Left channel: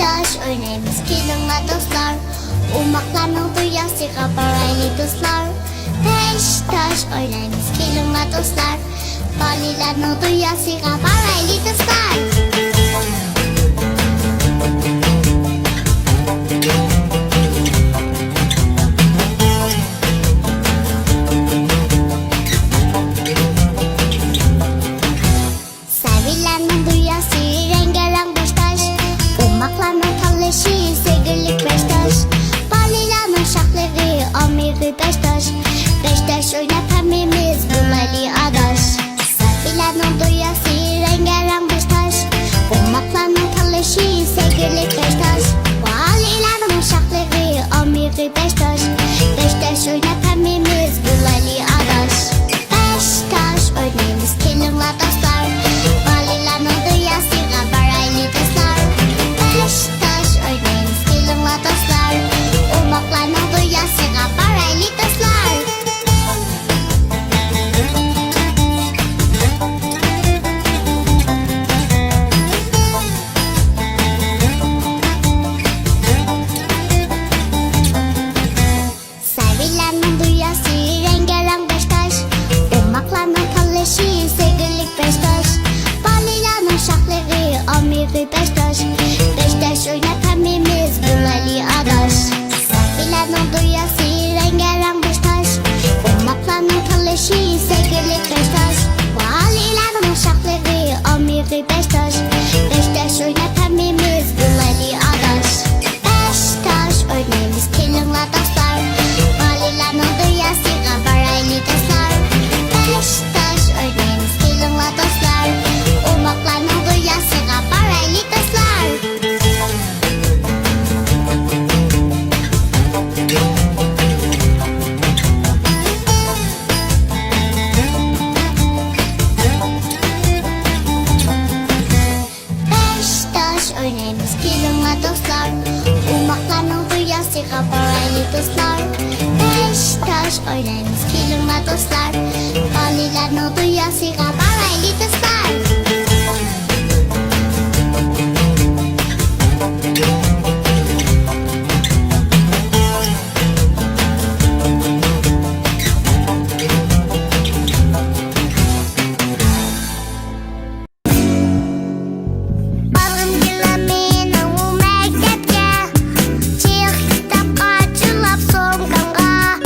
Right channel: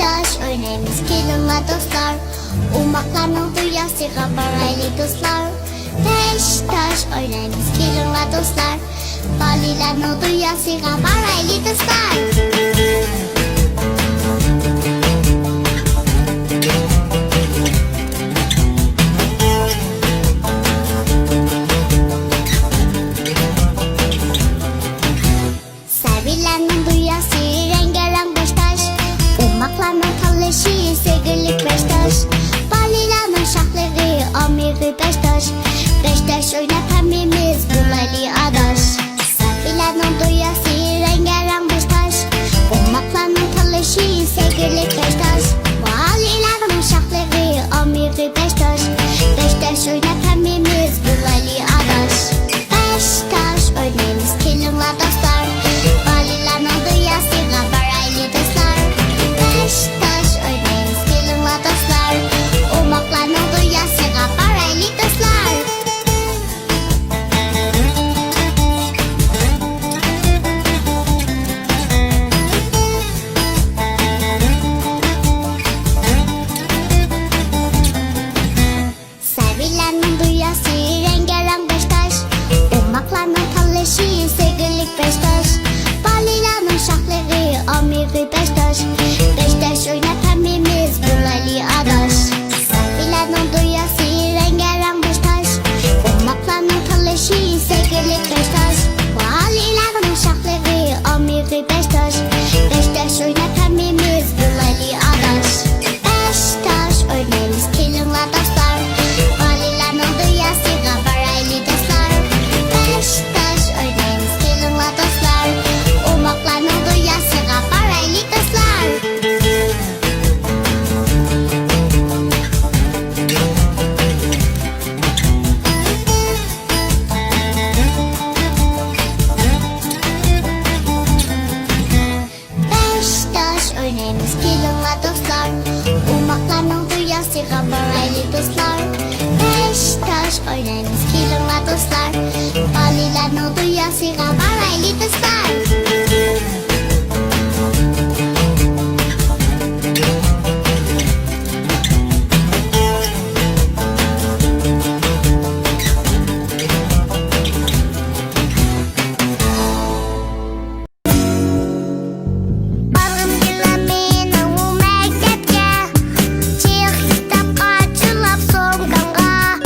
taş oynayımız kilimle dostlar. Umaklarının dünyasıga baraylı dostlar. Beş taş oynayımız kilimle dostlar. Balilarının dünyasıga baraylı dostlar. Sevilenin dünyası rengarenk beş taş. Umaklarının tanışı sevgilik beş taş. Balilarının şahları amiri beş taş. Beş taş oynayıp hemimiz bulaylı adaş. Sevilenin dünyası rengarenk beş taş. Umaklarının tanışı sevgilik beş taş. Balilarının şahları amiri beş taş. Beş taş oynayıp hemimiz bulaylı adaş. Beş taş oynayımız kilimle dostlar. Balilarının dünyasıga baraylı dostlar. Beş taş oynayımız kilimle dostlar. Umaklarının dünyasıga baraylı dostlar. Sevilenin dünyası rengarenk beş taş. Umaklarının tanışı sevgilik beş taş. Balilarının şahları amiri beş taş. Beş taş oynayıp hemimiz bulaylı adaş. Sevilenin dünyası rengarenk beş taş. Umaklarının tanışı sevgilik beş taş. Balilarının şahları amiri beş taş. Beş taş oynayıp hemimiz bulaylı adaş. Beş taş oynayımız kilimle dostlar. Balilarının dünyasıga baraylı dostlar. Beş taş oynayımız kilimle dostlar. Umaklarının dünyasıga baraylı dostlar. Beş taş oynayımız kilimle dostlar. Umaklarının dünyasıga baraylı dostlar. Beş taş oynayımız kilimle dostlar. Balilarının dünyasıga baraylı dostlar. Balım gilemin o mektepke. Çık kitapka çılap soğukkanğa.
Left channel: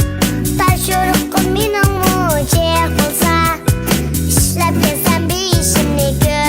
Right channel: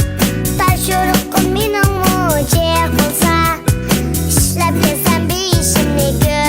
Taş yorukku minin mu çık olsa. İşlep gelsen bir işimni gör.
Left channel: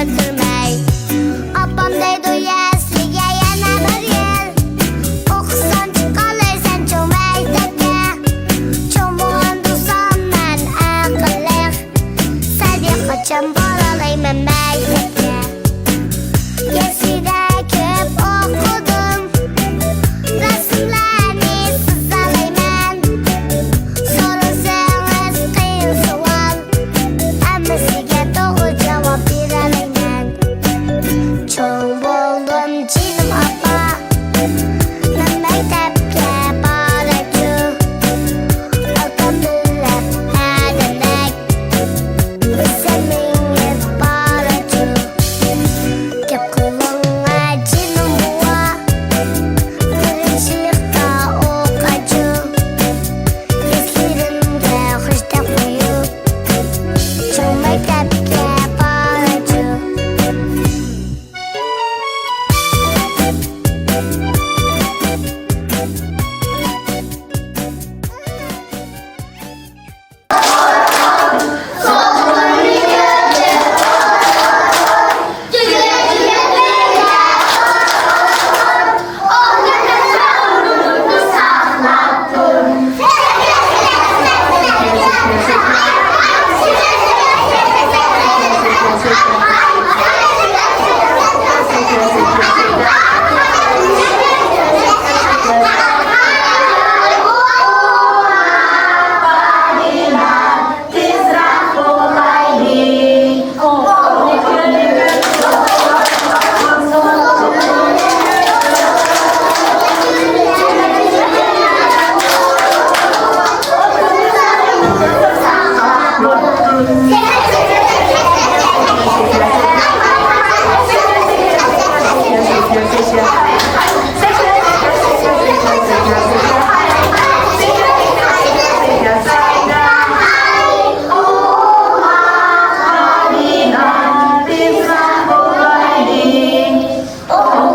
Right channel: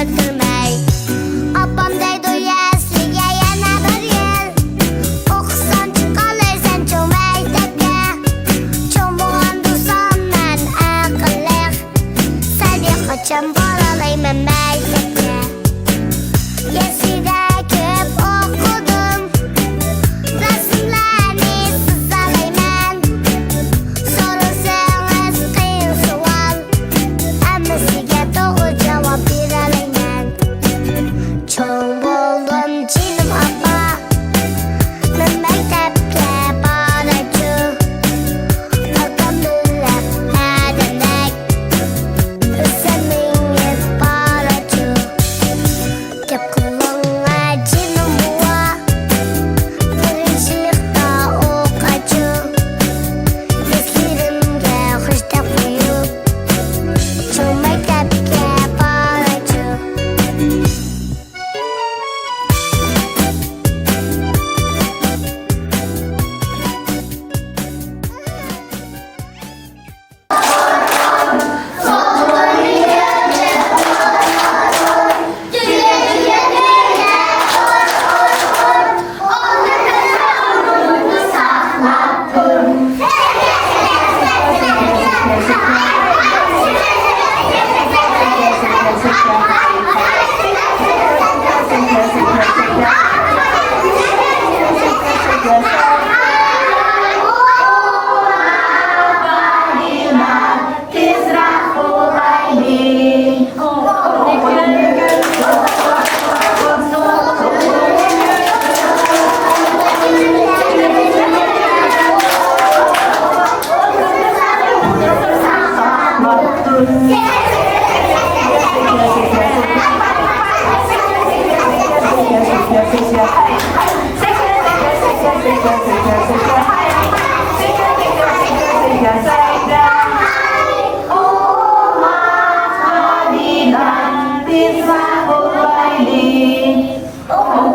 Oh.